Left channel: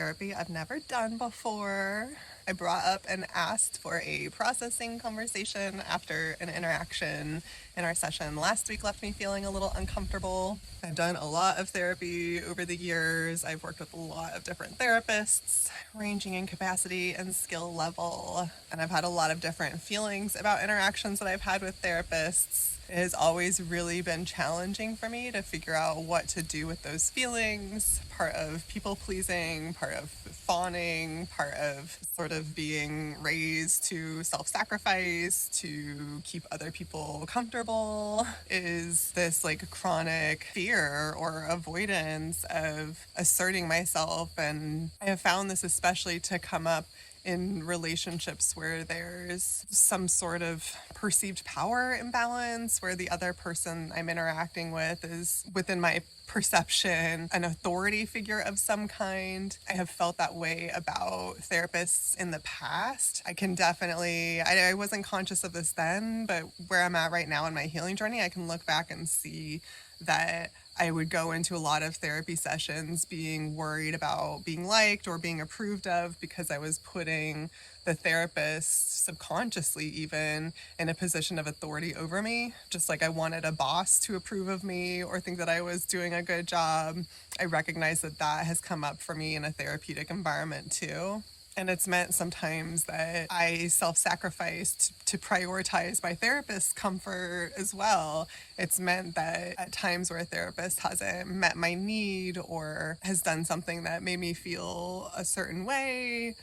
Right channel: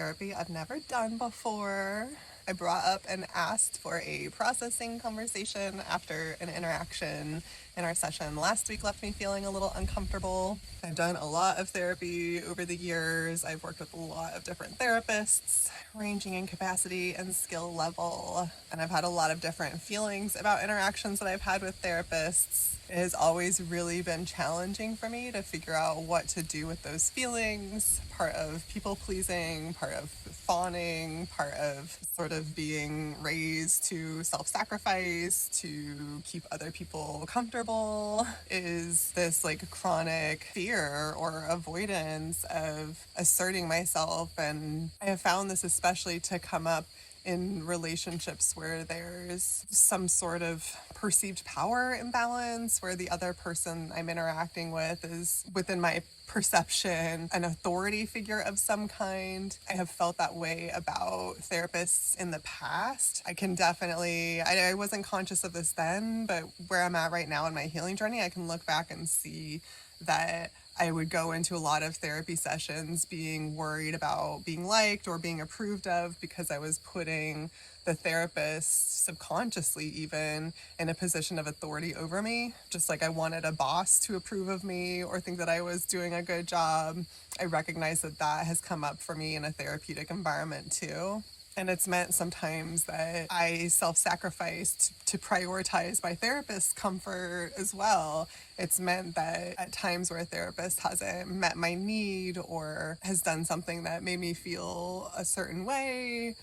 therapy I've never done before. I brought up and asked for a processing conversation after an interaction in our session last week left me feeling a little uncomfortable. I've done a lot of therapy over the years. I've worked with a lot of different therapists, ranging in capacity and skill level. And I've had a lot of different feelings about interactions that I've had with therapists. It has always really been challenging for me to figure out what to do with those feelings. Part of people pleasing, part of fawning, part of sort of being raised to self-sacrifice, to keep other people comfortable, is this like chronic fear or avoidance of asserting myself. And I have found this especially to come up in relationships where there's some sort of perceived power imbalance, where the other person I'm interacting with is, within my perception, an authority figure of some kind. I have felt that way about therapists in the past. I can definitely, I wasn't conscious of this then, but where I'm at right now in my healing journey, I can look back and see that I would go into a lot of therapy sessions being worried about being liked or being approved of, because I was putting the therapist subconsciously even in a position of authority over me. Just like I wanted a boss to approve of me or think that I was doing a good job. I recognize that that has come up for me in a therapeutic environment too. And it's meant sometimes that I self-sacrificed to prioritize my therapist's comfort as well. It's meant that at times where a therapist hasn't met my need or has done something that made me feel a certain way,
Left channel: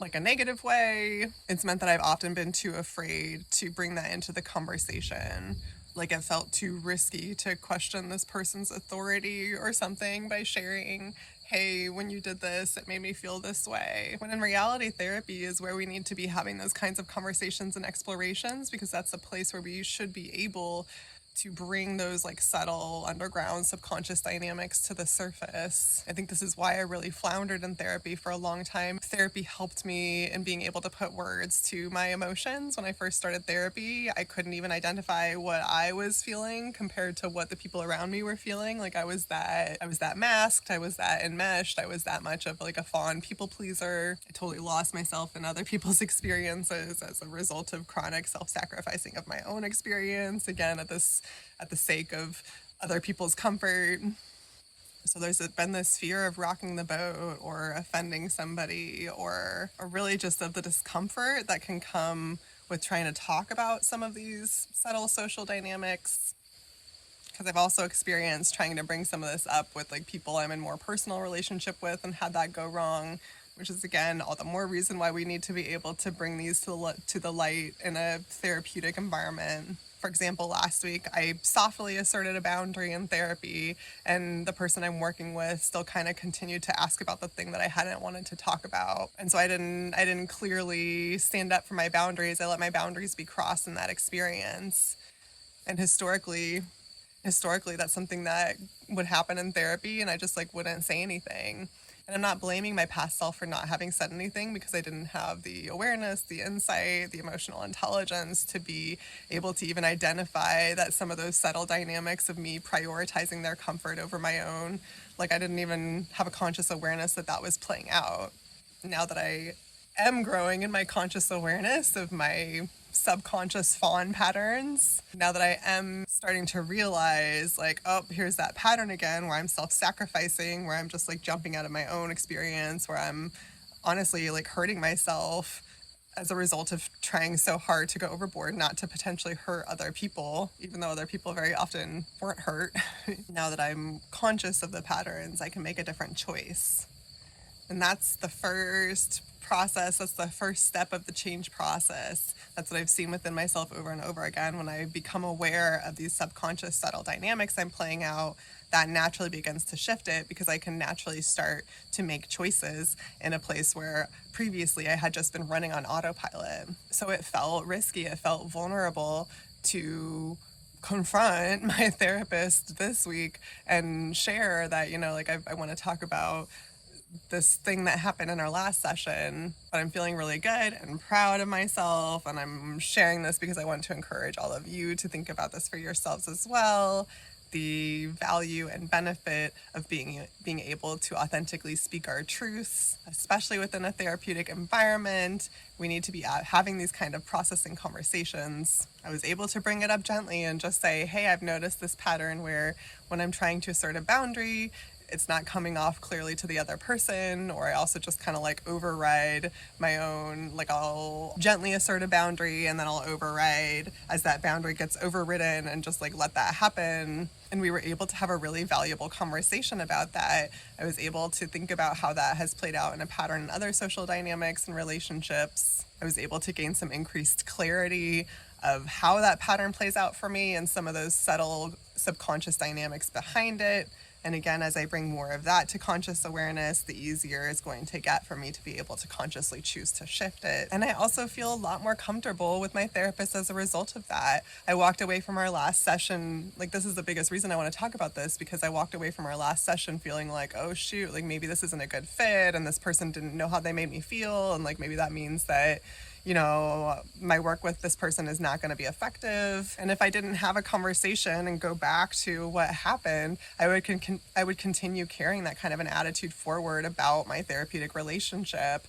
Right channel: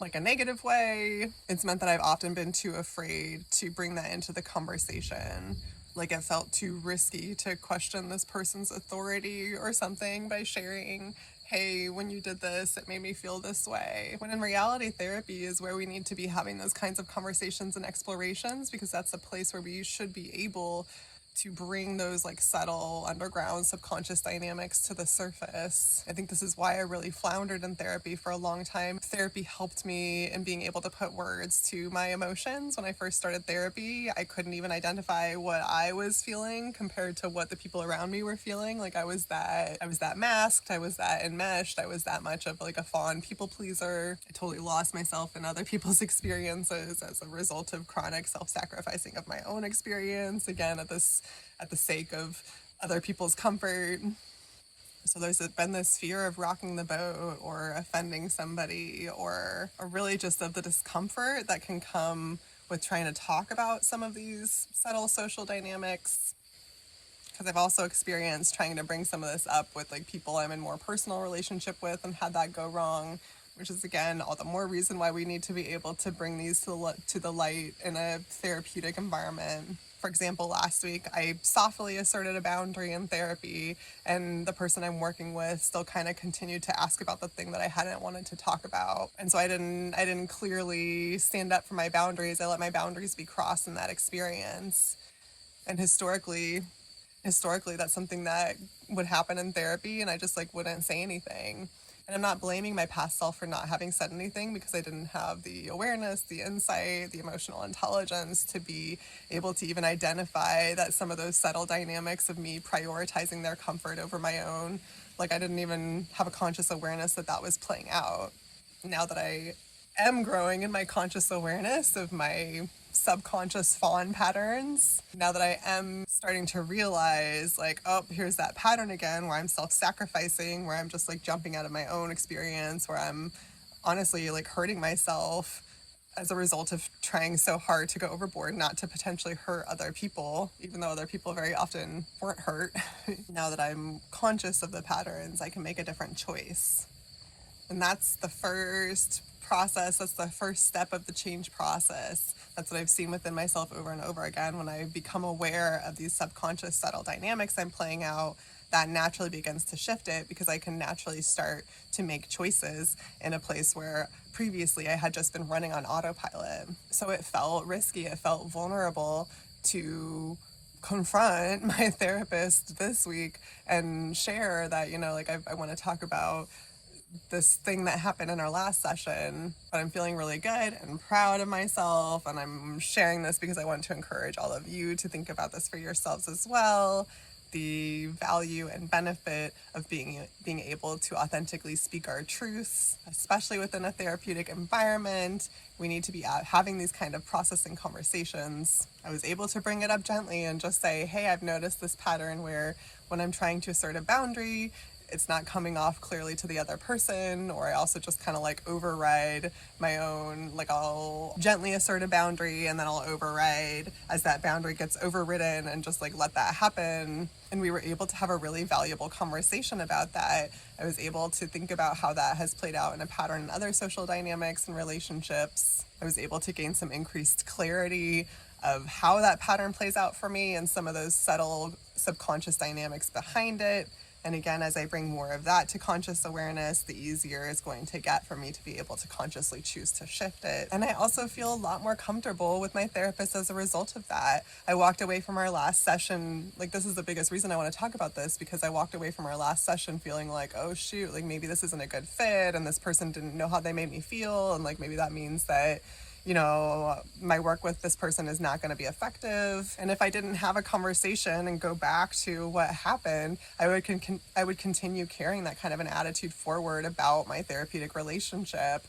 like a negative way, it's meant that I've often been too afraid to bring that into the conversation. Like it felt too risky to question this person's authority or something by sharing, hey, when you did this, it made me feel this way. When in reality, therapy is where we need to be having those kinds of conversations and explorations, because that's a place where we should be able to bring those like subtle underground subconscious dynamics to the surface. I think this is why I really floundered in therapy for a long time. Therapy helped me in being able to put words to my emotions. When I first started therapy, I couldn't even identify what I was feeling compared to what the people around me were feeling. Like I was that masked, I was that enmeshed, I was that much of like a fawn people pleaser. I totally lost myself in other people's experiences as a result of chronic self-sacrificing of my own experience, again at the sake of other people's comfort. So there's been this fear of rocking the boat or offending somebody, or really just of the discomfort that can come with trying to talk about some of these subtle social dynamics. Because I've also experienced trying to bring some of this up with like people I'm in more personal relationship with and had that go wrong, which is again all the more reason why we need to be able to bring these to the light in a therapeutic environment. For example, last week I softly asserted a boundary in therapy, and the person I'm working with still kind of continued to ask about the thing that I hadn't wanted to talk about. And so I didn't clearly stand up for my boundaries. I let my boundaries be crossed in that experience. And historically that's something that would happen in therapy, and I just like wouldn't say anything. And I'm not blaming my past self for not having said anything, because I didn't have the awareness, the insight, the emotional intelligence to be able to even identify that some of those subtle dynamics of me prioritizing their comfort over my own, like I didn't even have a conscious awareness that that was playing out. Now that I am growing in my conscious awareness of my subconscious fawn patterns, now that I am starting to realize like, oh, here's that pattern again where I'm self-sacrificing, where I'm just like jumping out of my own experience, where I'm honestly like hurting myself as a result of trying so hard to go overboard, not to potentially hurt other people, even though other people very often weren't hurt. Now that I'm conscious of the patterns, I can make a different choice. And that's the first process. That's the first step of the change process. That's what I've seen within myself over and over again. When I become aware of these subconscious subtle dynamics I'm playing out, that naturally begins to shift it, because I can naturally start to make choices in a place where previously I had just been running on autopilot. So it felt risky, it felt vulnerable to confront my therapist this week and share that, you know, like I want to talk about this thing that happened in our last session, but I'm feeling really good and proud of myself, and I'm sharing this because I want to encourage all of you to think about this for yourselves as well. the value and benefit of being able to authentically speak our truths, especially within a therapeutic environment. We need to be having these kind of processing conversations. I was able to bring it up gently and just say, hey, I've noticed this pattern where when I'm trying to assert a boundary, it's not coming off clearly to the other person, or I also just kind of like override my own, like I'll gently assert a boundary and then I'll override as that boundary gets overridden and just like let that happen. And we were able to have a really valuable conversation about that. I was able to think about how that has played out in a pattern in other social dynamics and relationships. I was able to gain some increased clarity of how that pattern plays out for me and some of those subtle subconscious dynamics behind it. And again, as I bring more of that to conscious awareness, the easier it's going to get for me to be able to consciously choose to shift it. And I also feel a lot more comfortable with my therapist as a result of that. I walked away from our last session, like this is the biggest reason I want to talk about this, because I walked away from our last session feeling like, oh shoot, like maybe this isn't a good fit and this person didn't know how they made me feel. And like maybe that means that, you know, my work with this person is not going to be effective. And if I didn't have a conversation and go back to what happened, I would continue carrying that kind of an attitude forward about my therapeutic relationship.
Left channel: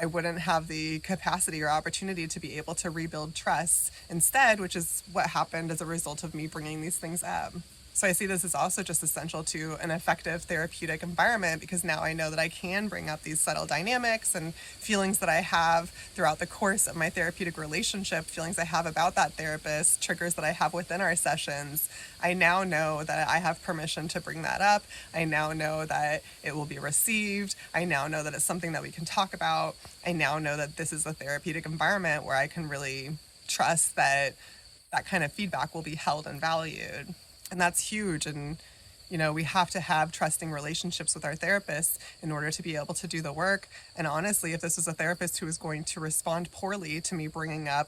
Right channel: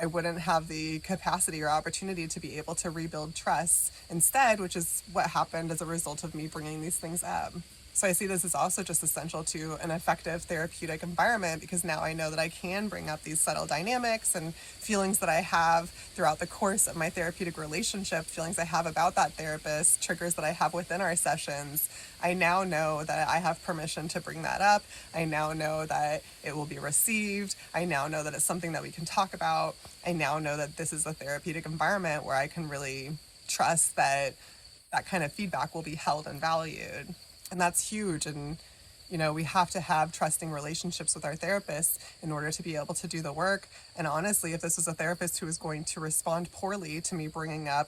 I wouldn't have the capacity or opportunity to be able to rebuild trust instead, which is what happened as a result of me bringing these things up. So I see this as also just essential to an effective therapeutic environment, because now I know that I can bring up these subtle dynamics and feelings that I have throughout the course of my therapeutic relationship, feelings I have about that therapist, triggers that I have within our sessions. I now know that I have permission to bring that up. I now know that it will be received. I now know that it's something that we can talk about. I now know that this is a therapeutic environment where I can really trust that that kind of feedback will be held and valued. And that's huge. And, you know, we have to have trusting relationships with our therapists in order to be able to do the work. And honestly, if this was a therapist who was going to respond poorly to me bringing up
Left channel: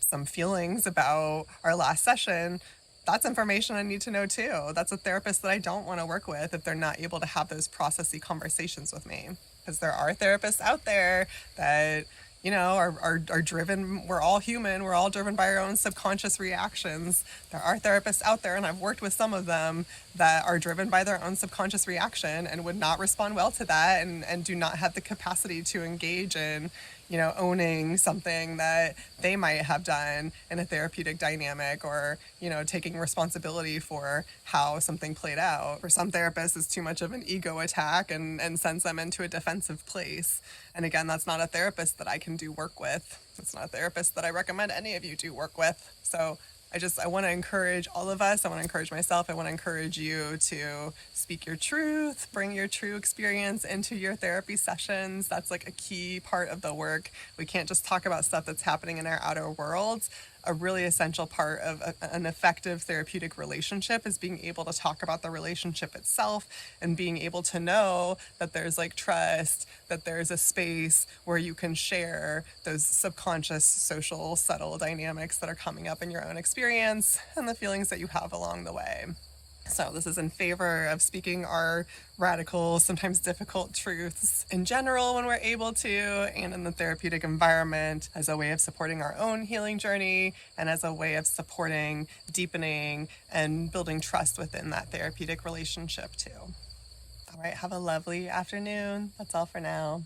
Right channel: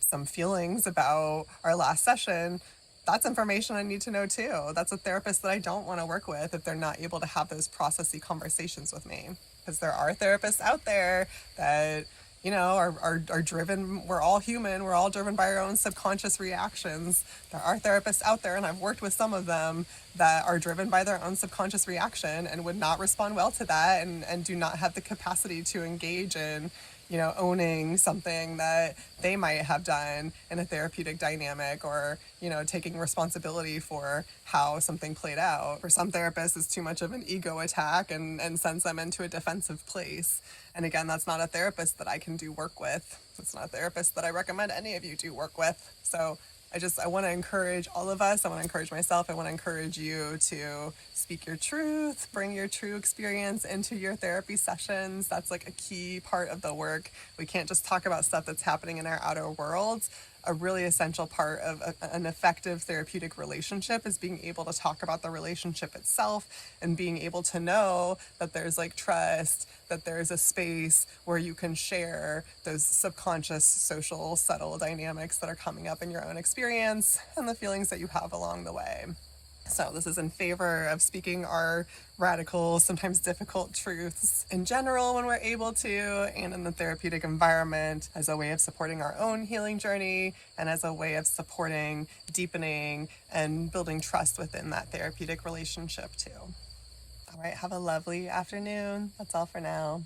some feelings about our last session, that's information I need to know too. That's a therapist that I don't want to work with if they're not able to have those processy conversations with me. Because there are therapists out there that, you know, are driven. We're all human. We're all driven by our own subconscious reactions. There are therapists out there, and I've worked with some of them, that are driven by their own subconscious reaction and would not respond well to that, and do not have the capacity to engage in, you know, owning something that they might have done in a therapeutic dynamic, or, you know, taking responsibility for how something played out. For some therapists, it's too much of an ego attack and sends them into a defensive place. And again, that's not a therapist that I can do work with. It's not a therapist that I recommend any of you do work with. So I want to encourage all of us. I want to encourage myself. I want to encourage you to speak your truth, bring your true experience into your therapy sessions. That's like a key part of the work. We can't just talk about stuff that's happening in our outer worlds. A really essential part of an effective therapeutic relationship is being able to talk about the relationship itself, and being able to know that there's like trust, that there's a space where you can share those subconscious, social, subtle dynamics that are coming up in your own experience and the feelings that you have along the way. So this is in favor of speaking our radical, sometimes difficult truths in general when we're able to, and in the therapeutic environment, as a way of supporting our own healing journey and as a way of supporting, deepening, and building trust within that therapeutic relationship too. All right, have a lovely afternoon. That's all for now.